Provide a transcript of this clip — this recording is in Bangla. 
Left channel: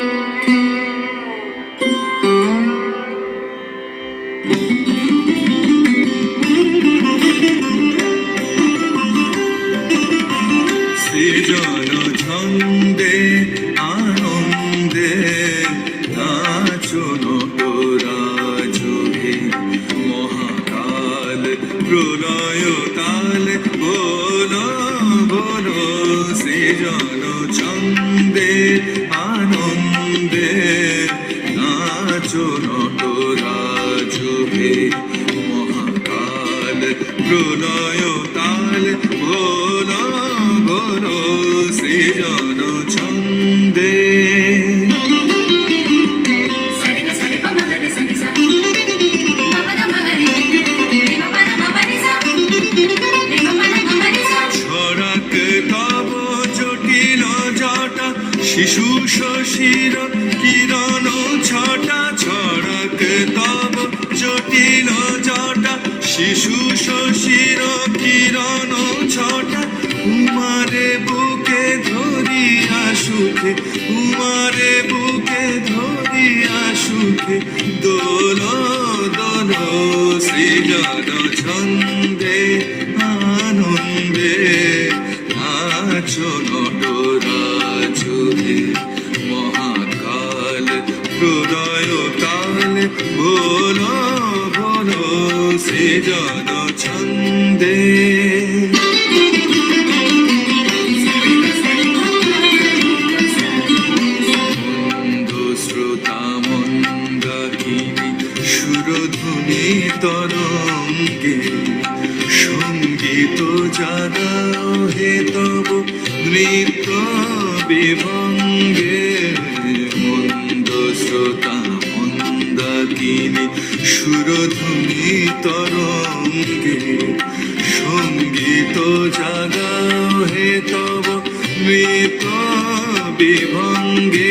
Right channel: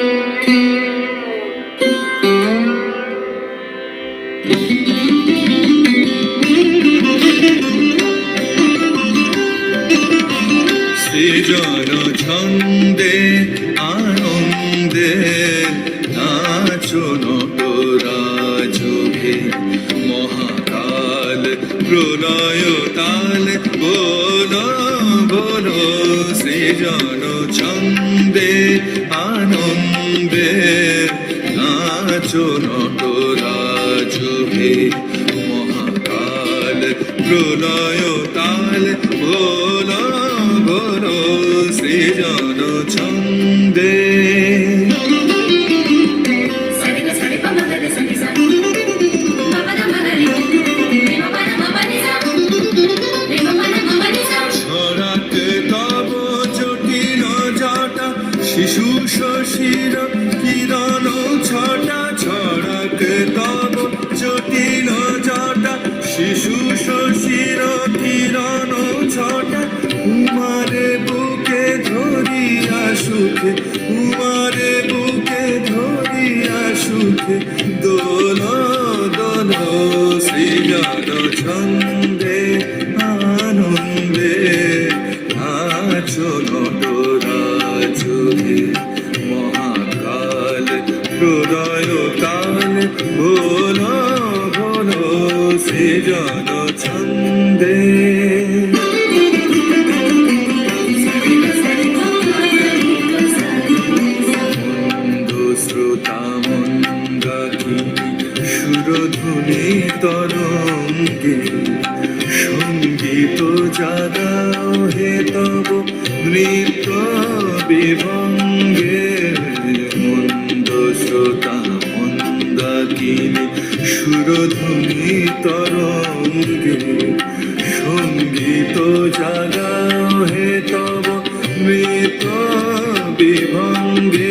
সৃজন ছন্দে আনন্দে নাচো নটরাজভে, মহাকাল প্রলয় তাল বলো বলো। সৃজন ছন্দে আনন্দে নাচো নটরাজভে, মহাকাল প্রলয় তাল বলো বলো। সৃজন ছন্দে ছড়াক তব জটিল জটা, শিশু শশীর কিরণ ছটা। ছড়াক তব জটিল জটা, শিশু শশীর কিরণ ছটা। উমারে বুকে ধরিয়া সুখে, উমারে বুকে ধরিয়া সুখে দোল দোল। সৃজন ছন্দে আনন্দে নাচো নটরাজভে, মহাকাল প্রলয় তাল বলো বলো। সৃজন ছন্দে শ্রোতা মন্দাকিনী সুরধুনী তরঙ্গে, সঙ্গীত জাগাও হে তব নৃত্য বিভঙ্গে। মন্দ শ্রোতা মন্দাকিনী সুরধুনী তরঙ্গে, সঙ্গীত জাগাও হে তব নৃত্য বিভঙ্গে।